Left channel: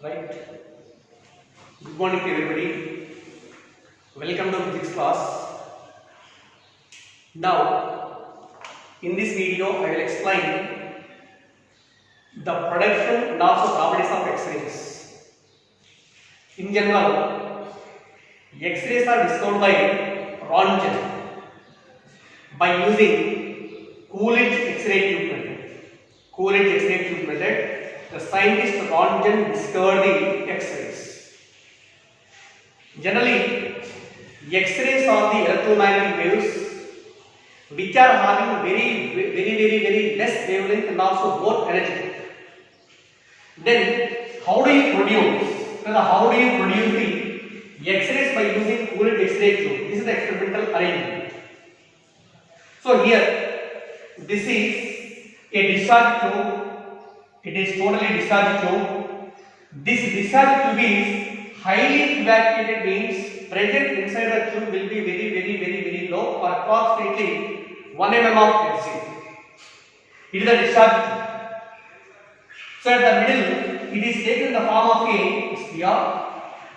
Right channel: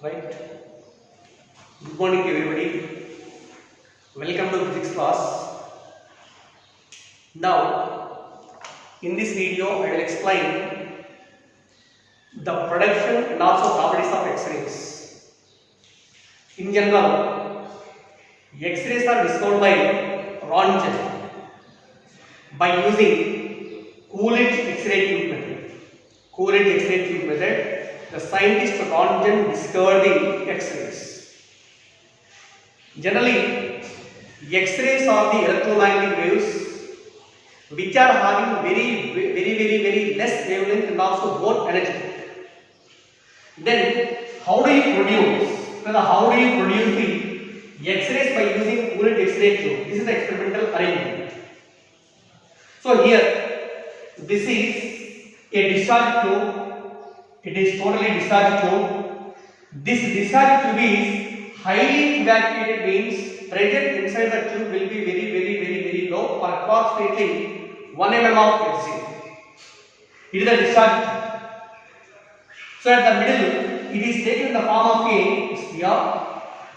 Right. Good morning to everybody. Welcome to physics class. Now, in this video, I will explain the production and also properties of X-rays. In general, X-rays are discovered by Röntgen by using Coolidge X-ray tube method. Coolidge X-ray tube method. The scientist Röntgen discovered the X-rays. Generally, X-rays are the electromagnetic waves which are having very less wavelength and also more energy. Then, how do you produce? How do you produce the X-rays by using Coolidge X-ray tube? This is the experimental arrangement. So here, this is a discharge tube. It is totally discharge tube. This discharge tube is highly evacuated, means pressure inside the tube will be very low, or approximately 1 mm of Hg. It is a discharge tube. So at the middle, it is taken in the form of a sphere,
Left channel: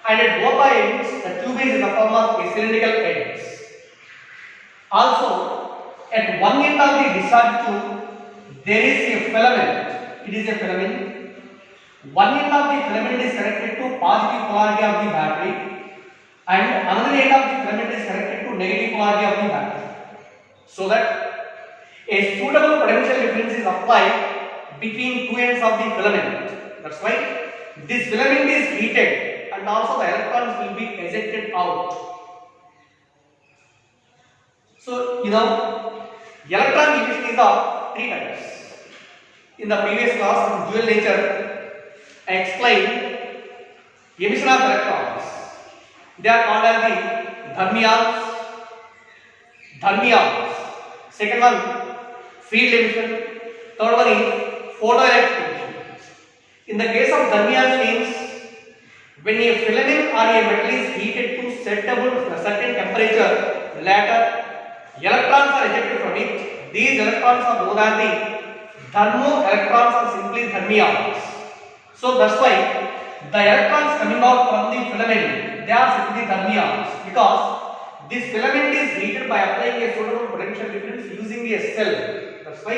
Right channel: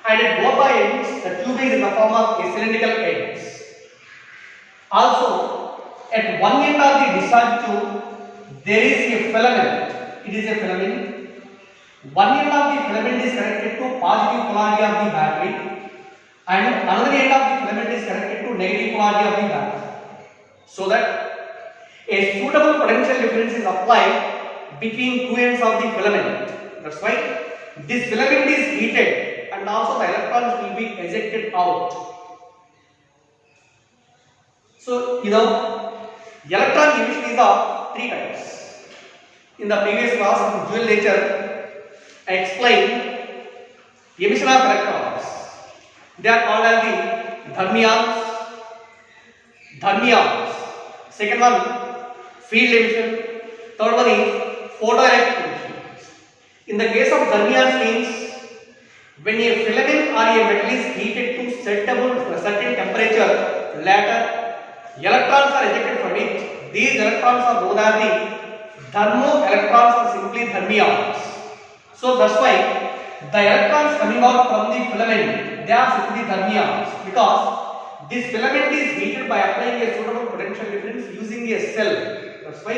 and at both the ends, the tube is in the form of a cylindrical ends. Also, at one end of the discharge tube, there is a filament. It is a filament. One end of the filament is connected to positive polarity of the battery, and another end of the filament is connected to negative polarity of the battery, so that a suitable potential difference is applied between two ends of the filament. That's why this filament is heated, and also the electrons will be ejected out. So electron emission is of three types. In the previous class in dual nature, I explained emission of electrons. They are called as the thermions. Second one, field emission. Third one is photoelectric emission. In the case of thermions, means when a filament or a metal is heated to certain temperature, later electrons are ejected from it. These electrons are known as the thermoelectrons, or simply thermions. So that's why the electrons coming out from the filament, they are simply thermions, because this filament is heated by applying a suitable potential difference using a cell. That's why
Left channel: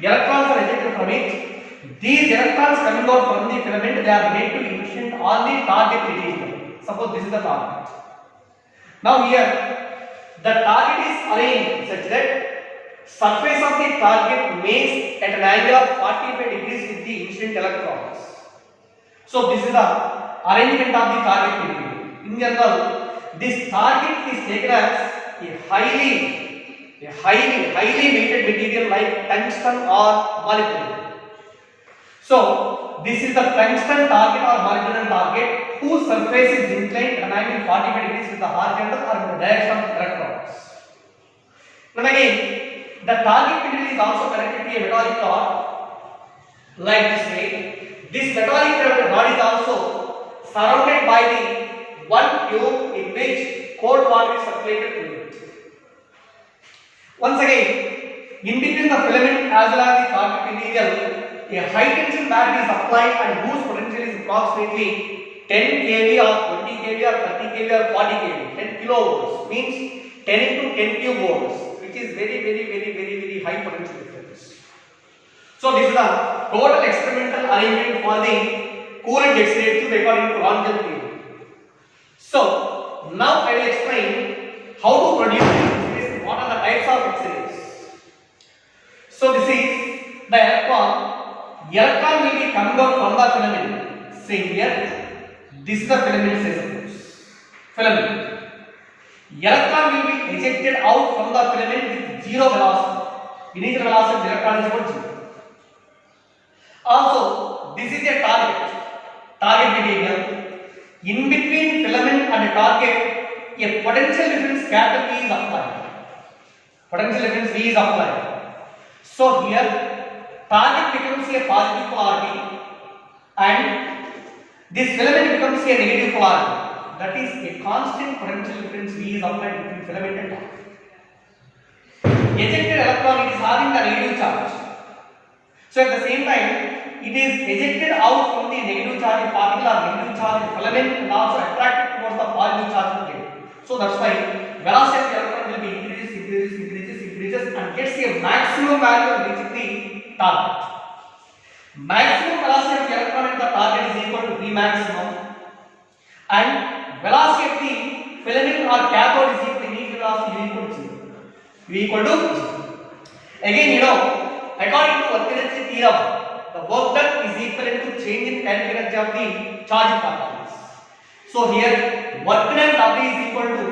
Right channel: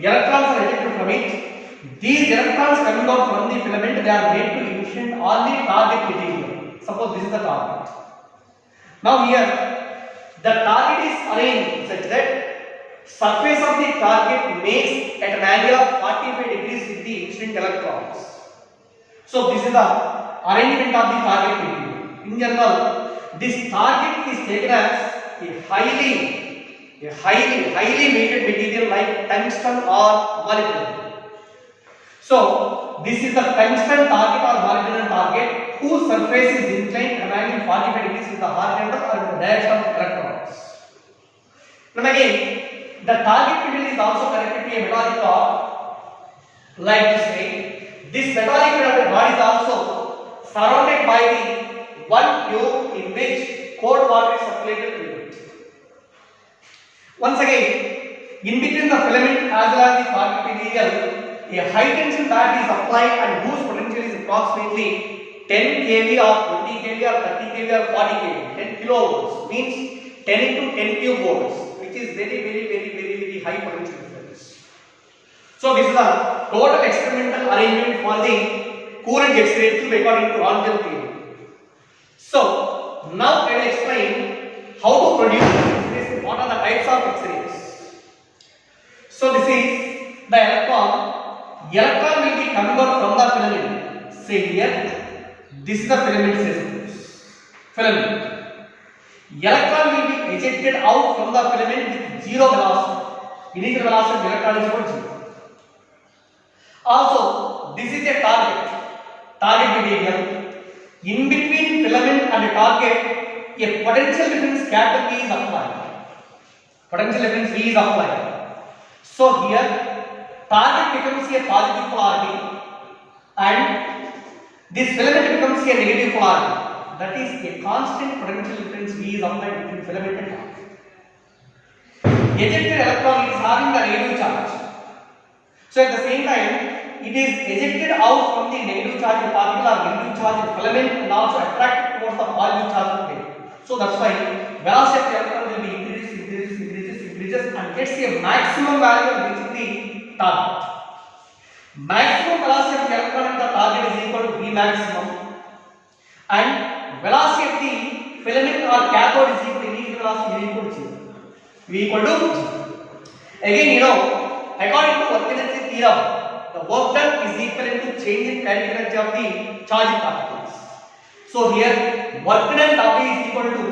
electrons are ejected from it. These electrons coming out from the filament, they are made to emission on the target material. Suppose this is the target. Now here, the target is arranged such that surface of the target makes at an angle of 45 degrees with the incident electrons. So this is the arrangement of the target material. In general, this target is taken as a highly weighted material like tungsten or molybdenum. So this is the tungsten target or molybdenum target whose surface is inclined at an angle 45 degrees with the horizontal or in the direction of electrons. Now again, the target material is also connected to a metallic rod, like this way. This metallic rod is also surrounded by the one tube in which cold water is circulated through it. Once again, in between the filament as well as the target material, a high tension battery is applied and whose potential is approximately 10 kV or 20 kV or 30 kV or 40 kV, 10 kilovolts, means 10 into 10 cube volts, which is very high potential difference. So this is the total experimental arrangement for the Coolidge X-ray tube according to Röntgen theory. So now I will explain how to produce X-rays, what are the types of X-rays. So this is the electron. Electron will be coming out from the filament. Say here, this is the filament. Filament. Electron will be ejected out from the filament with zero velocity. Initial velocity of electron is equal to 0. Also, this is a target material. In between filament and target, a potential difference capital V is applied. Potential difference V is applied. So here, target becomes a positive polarity and this filament becomes a negative polarity. That is a constant potential difference V is applied between filament and target. Ejected electron is having the negative charge. So at the same time, it is ejected out from the negative charge particle or negative charge filament and also attracted towards the positive charge plate. So that's why velocity of the electron will be increases and gets a maximum value of reaching the target. Maximum velocity of the electron at the target is equal to V maximum, and velocity of the filament or cathode is equal to initial velocity V equal to 0. V equal to 0. Again, according to work energy theorem, the work done is equivalent to change in kinetic energy of the charged particles. So here, work done W is equal to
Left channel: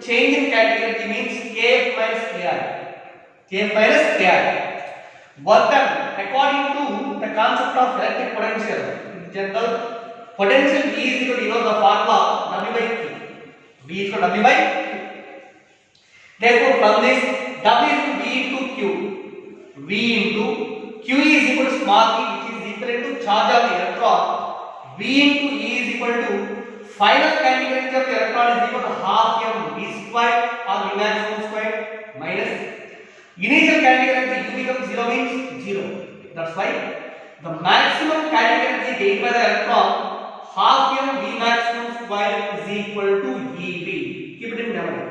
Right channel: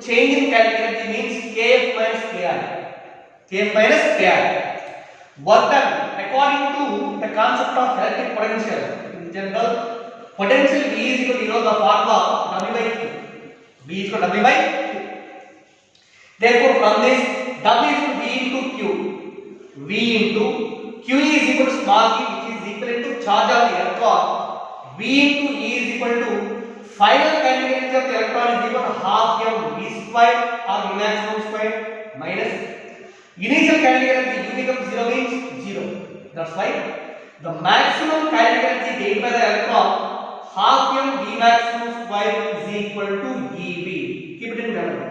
change in kinetic energy means Kf minus Ki. Kf minus Ki. Work done according to the concept of electric potential. In general, potential V is equal to the formula W by Q. V is equal to W by Q. Therefore, from this W is equal to V into Q. V into Q is equal to small e, which is equivalent to charge of the electron. V into E is equal to final kinetic energy of the electron is equal to half m V square or V maximum square minus initial kinetic energy U becomes 0 means 0. That's why the maximum kinetic energy gained by the electron half m V maximum square is equal to EV. Keep it in memory.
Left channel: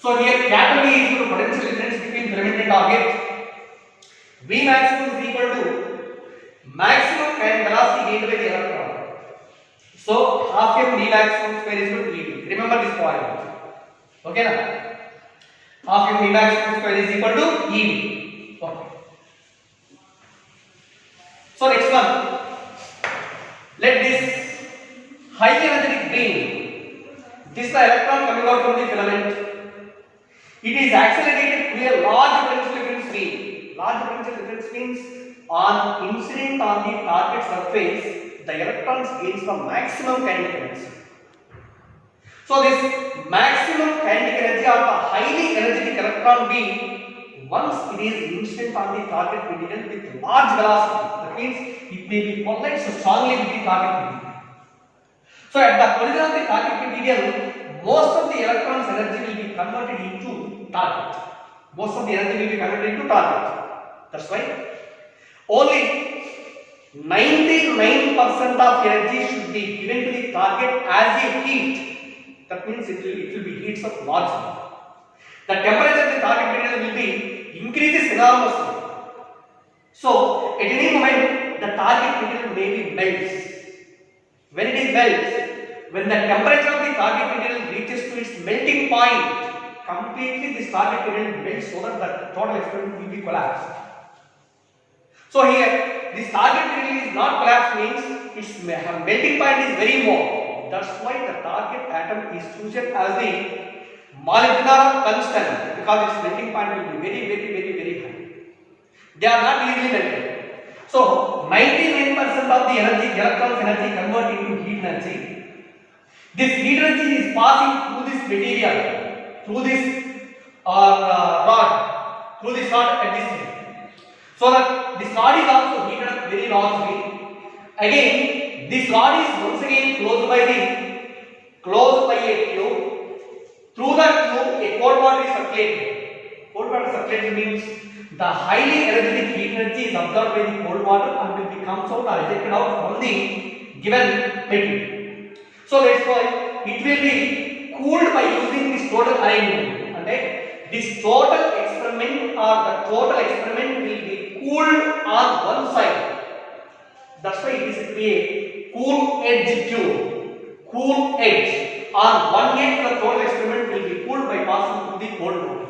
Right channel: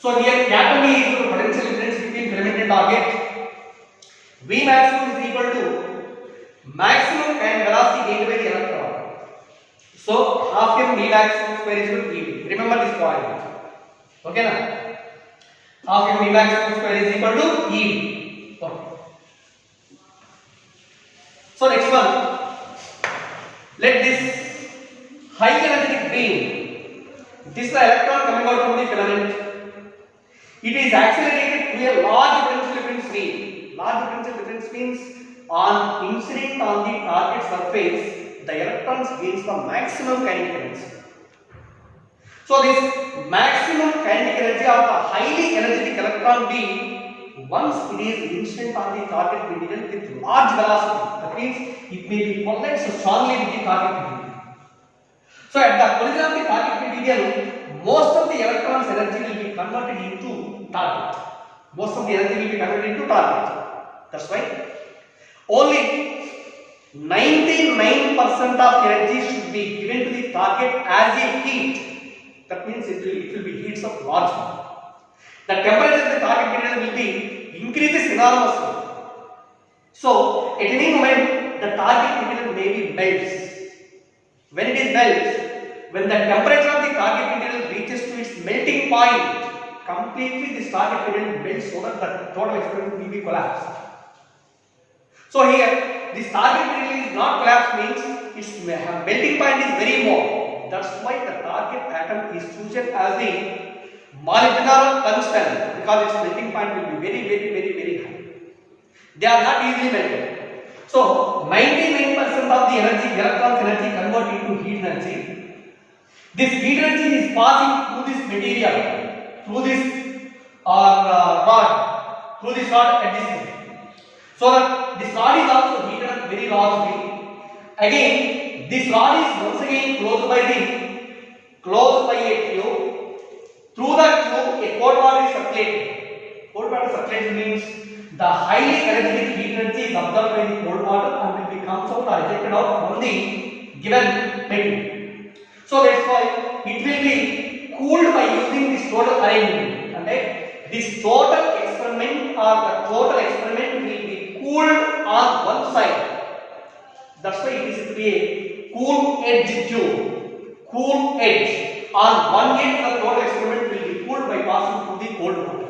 So here capital V is equal to potential difference between filament and target. V maximum is equal to maximum kinetic velocity gained by the electron. So half m V maximum square is equal to EV. Remember this point. Okay na? Half m V maximum square is equal to EV. Okay. So next one, let this high energetic beam, this is the electron coming out from the filament. It is accelerated to a large potential difference V. Large potential difference means on incident on the target surface, the electrons gains the maximum kinetic energy. So this maximum kinetic energy of the highly energetic electron beam, once it is incident on the target material with large velocity, that means it may be collides strongly with the target material. So at the collision of the target material, most of the electrons energy will be converted into target. Most of the energy will be converted into target. That's why only 99% of energy should be given to the target as a heat. That means it will be heats of large. The temperature of the target material will be increases enormously. So at any moment the target material may be melts. When it is melts, when the temperature of the target material reaches to its melting point, completely this target material melts so that the total experiment will be collapsed. So here, this target material is not collapsed means its melting point is very more. That's why the target atom is chosen as the molybdenum tungsten, because its melting point will be very high. They are not easily melted. So 99% of the energy, electrons energy convert into heat energy. This heat energy is passing through this material, through this rod, at this end. So that this rod is also heated up very largely. Again, this rod is once again closed by a tube. Through that tube, a cold water is circulated. Cold water circulated means the highly energetic heat energy is absorbed by the cold water and will be comes out or ejected out from the given material. So that's why it will be cooled by using this total arrangement. And this total experiment will be cooled on one side. That's why it is a cool edge tube. Cool edge. On one end, the total experiment will be cooled by passing through the cold water.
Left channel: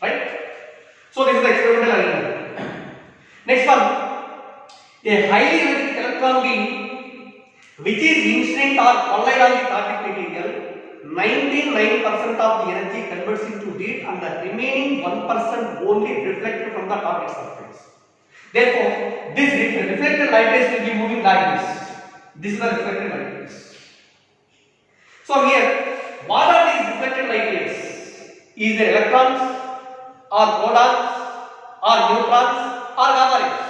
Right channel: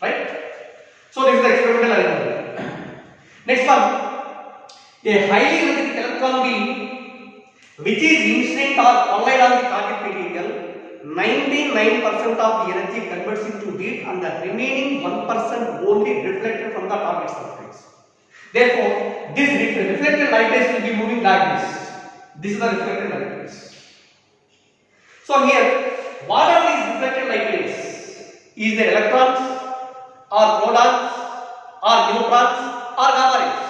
Right? So this is the experimental arrangement. Next one, a highly energetic electron beam which is incident or collide on the target material, 99% of the energy converts into heat and the remaining 1% only reflected from the target surface. Therefore, this reflected light rays will be moving like this. This is the reflected light rays. So here, what are these reflected light rays? Is there electrons, or protons, or neutrons, or gamma rays?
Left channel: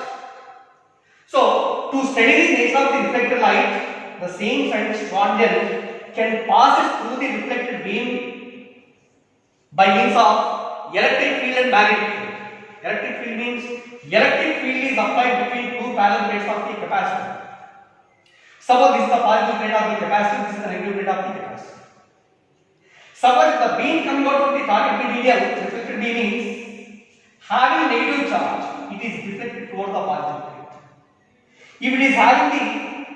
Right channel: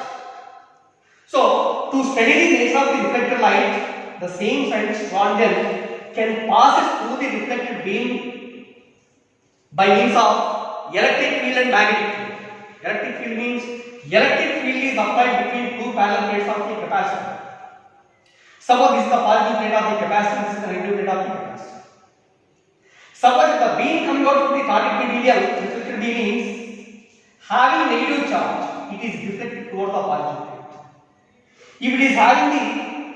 So, to study the nature of the reflected light, the same scientist Schwarzschild can pass it through the reflected beam by means of electric field and magnetic field. Electric field means electric field is applied between two parallel plates of the capacitor. Suppose this is the positive plate of the capacitor, this is the negative plate of the capacitor. Suppose if the beam coming out from the target material, reflected beam is having negative charge, it is deflected towards the positive plate. If it is having the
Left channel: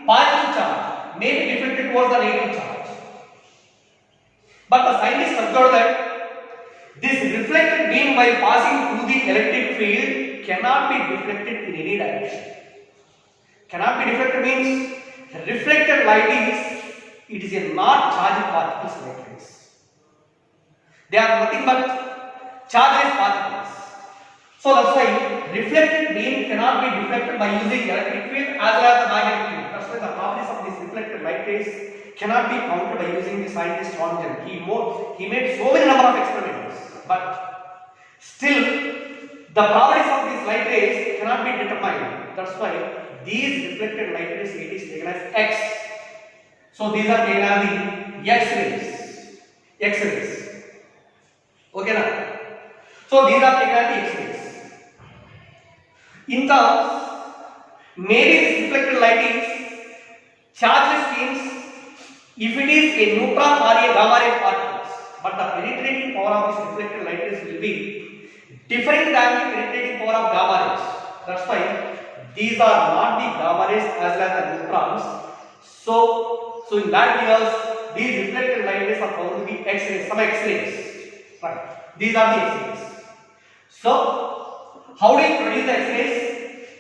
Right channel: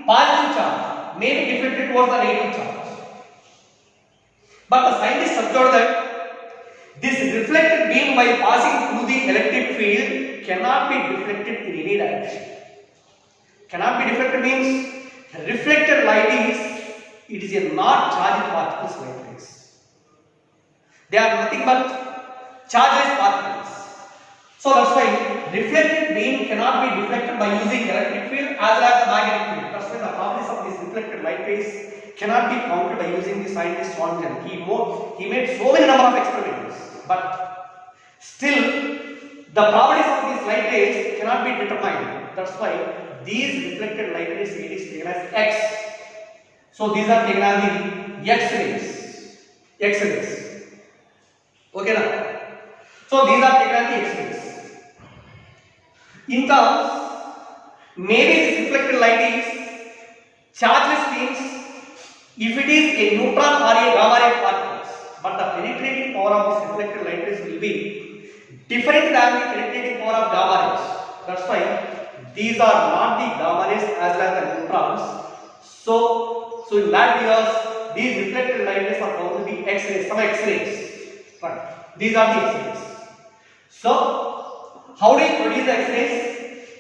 positive charge, may be deflected towards the negative charge. But the scientists observed that this reflected beam while passing through the electric field cannot be deflected in any direction. Cannot be deflected means reflected light is a not charged particles like this. They are nothing but chargeless particles. So that's why reflected beam cannot be deflected by using electric field as well as the magnetic field. That's why the properties of this reflected light rays cannot be counted by using the scientist Swansden. He made so many number of experiments, but still the properties of these light rays cannot be determined. That's why these reflected light rays it is taken as X. So these are taken as the X-rays. X-rays. Okay now. So these are taken as the X-rays. In terms, maybe this reflected light is chargeless beams if it is a neutron or a gamma ray particles, but the penetrating power of this reflected light rays will be different than the penetrating power of gamma rays. That's why these are not the gamma rays as well as the neutrons. So in that years, these reflected light rays are found to be X-rays, some X-rays. Right. These are the X-rays. So how do you produce the X-rays?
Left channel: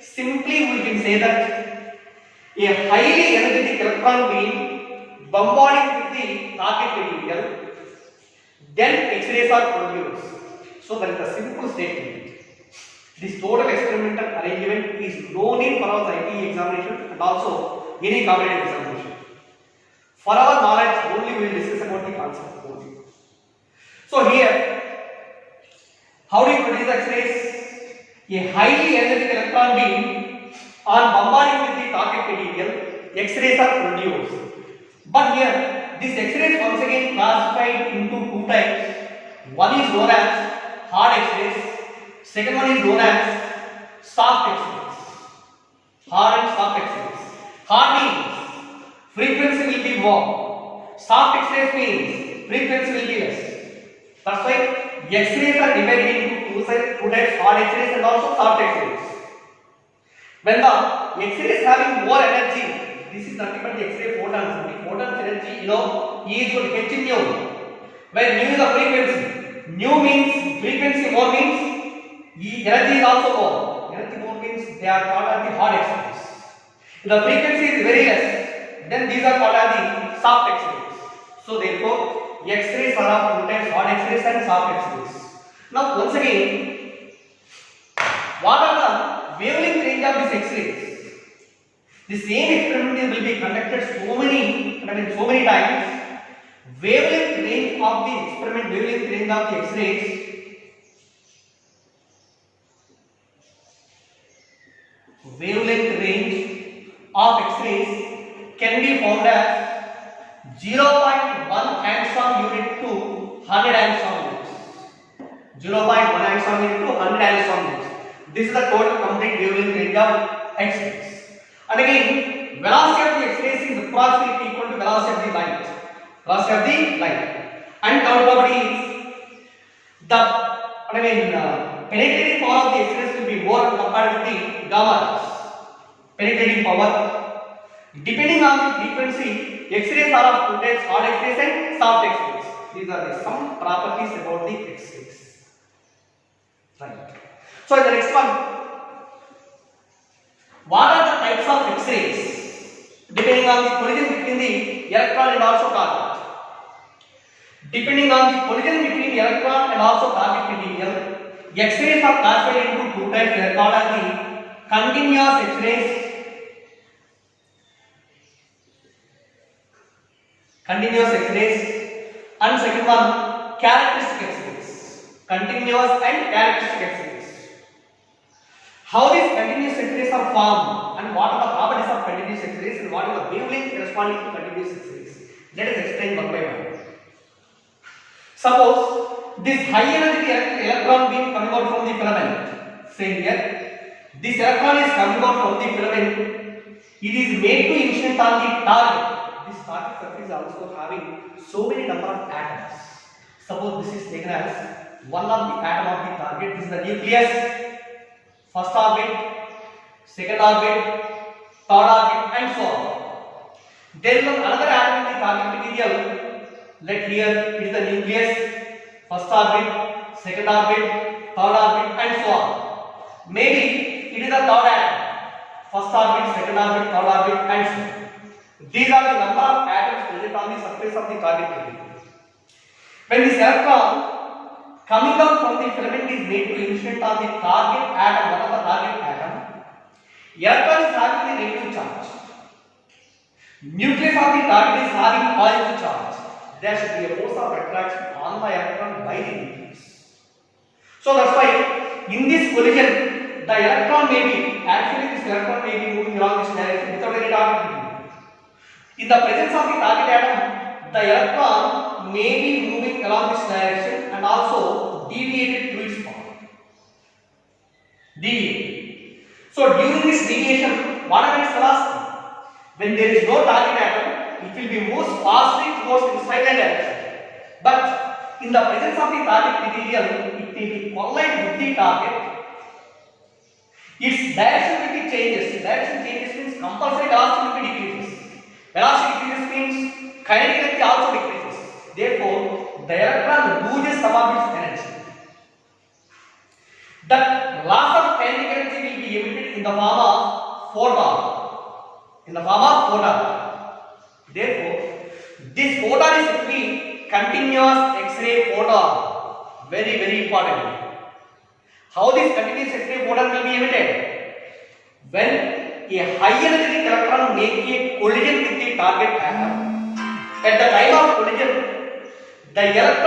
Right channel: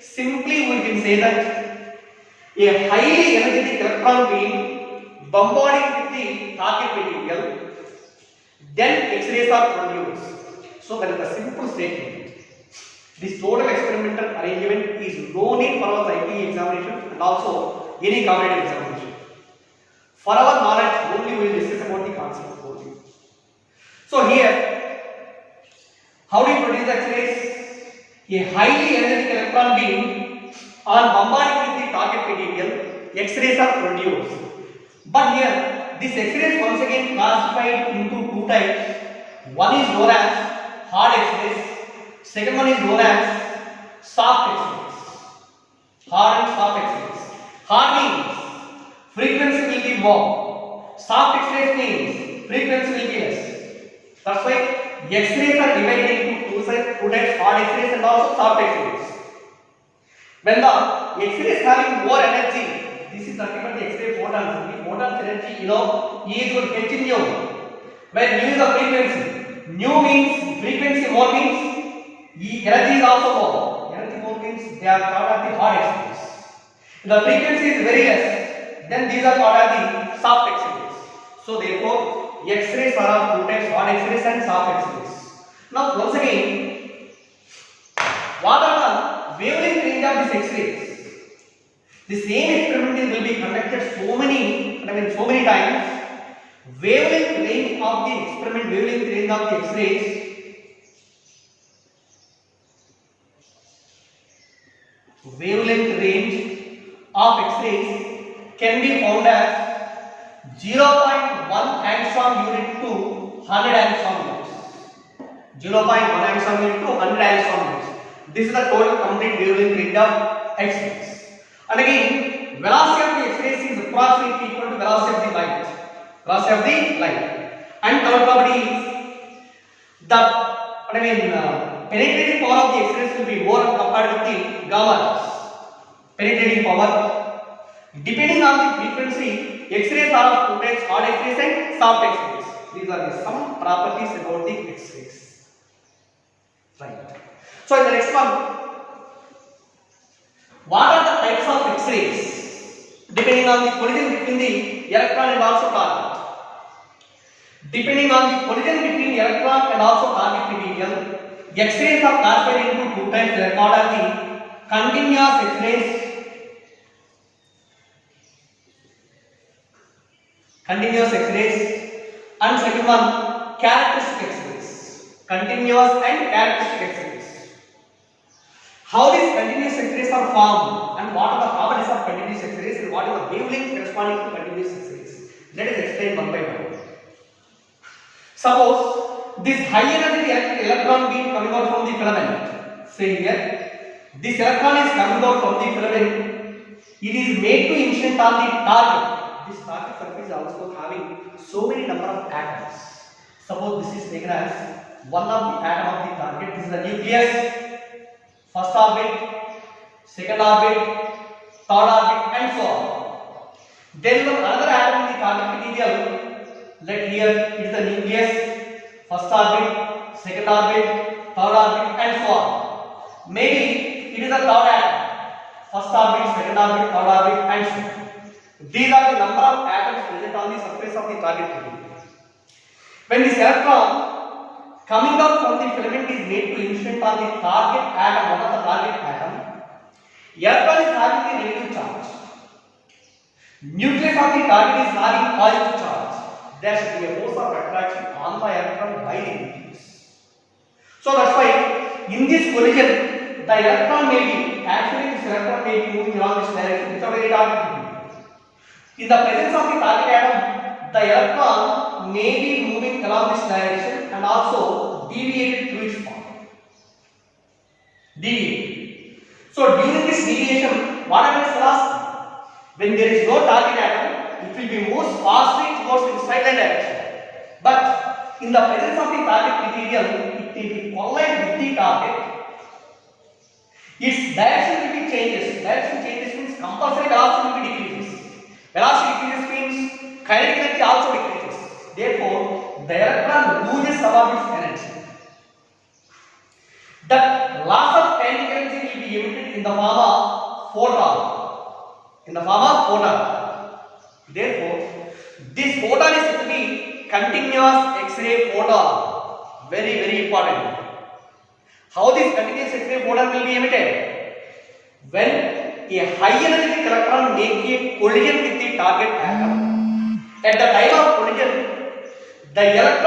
Simply we can say that a highly energetic electron beam bombarding with the target material, then X-rays are produced. So that is a simple statement. This total experimental arrangement is no need for our ITE examination and also any competitive examination. For our knowledge, only we will discuss about the concept only. So here, how do you produce the X-rays? A highly energetic electron beam on bombarding with the target material, X-rays are produced. But here, this X-rays once again classified into two types. One is known as hard X-rays. Second one is known as soft X-rays. Hard and soft X-rays. Hard means frequency will be more. Soft X-rays means frequency will be less. That's why X-rays are divided into two types, hard X-rays and also soft X-rays. When the X-ray is having more energy, this is nothing but the X-ray photons. The photons energy, E is equal to h nu, where nu is the frequency. Nu means frequency more means energy is also more. Energy more means they are called as the hard X-rays. If the frequency is very less, then these are called as the soft X-rays. So therefore, X-rays are of two types, hard X-rays and soft X-rays. Now once again, what are the wavelength range of these X-rays? The same experiment will be conducted so many times. Wavelength range of the experiment, wavelength range of the X-rays can be found as 0.1 angstrom unit to 100 angstrom units. 0.1 angstrom unit to 100 angstrom units. This is the total complete wavelength range of X-rays. And again, velocity of the X-rays is approximately equal to velocity of the light. Velocity of the light. And third property is penetrating power of the X-rays will be more compared with the gamma rays. Penetrating power. Depending on the frequency, X-rays are of two types, hard X-rays and soft X-rays. These are the some properties about the X-rays. Right. So in the next one, what are the types of X-rays? Depending on the collision between the electron and also target. Depending on the collision between the electron and also target material, X-rays are classified into two types. They are called as the continuous X-rays. Continuous X-rays, and second one, characteristic X-rays. Continuous and characteristic X-rays. How these continuous X-rays are formed and what are the properties of continuous X-rays and what is the wavelength corresponding to continuous X-rays? Let us explain one by one. Suppose this high energy electron beam coming out from the filament. Say here, this electron is coming out from the filament. It is made to initiate on the target. This target surface is also having so many number of atoms. Suppose this is taken as one of the atom of the target. This is the nucleus. First orbit, second orbit, third orbit, and so on. Then another atom in the target material. Let here it is the nucleus, first orbit, second orbit, third orbit, and so on. Maybe it is the third atom, first orbit, second orbit, third orbit, and so on. These are the number of atoms present on the surface of the target material. When this electron coming out from the filament is made to incident on the target atom, one of the target atom, electron is having the negative charge. Nucleus of the target is having positive charge. There should be a force of attraction on the electron by the nucleus. So that's why in this collision, the electron may be, actually this electron may be moving along this direction without any target material. In the presence of the target atom, the electron may be moving along this direction and also deviated through its path. Deviated. So during this deviation, what happens velocity? When there is no target atom, it will be moved fastly towards inside the direction. But in the presence of the target material, it will be collide with the target. Its direction will be changes. Direction changes means compulsory velocity will be decreases. Velocity decreases means kinetic energy also decreases. Therefore, the electron loses some of its energy. That loss of kinetic energy will be emitted in the form of photon. Therefore, this photon is simply continuous X-ray photon. Very, very important. How this continuous X-ray photon will be emitted? When a high energetic electron makes a collision with the target atom, at the time of collision, the electron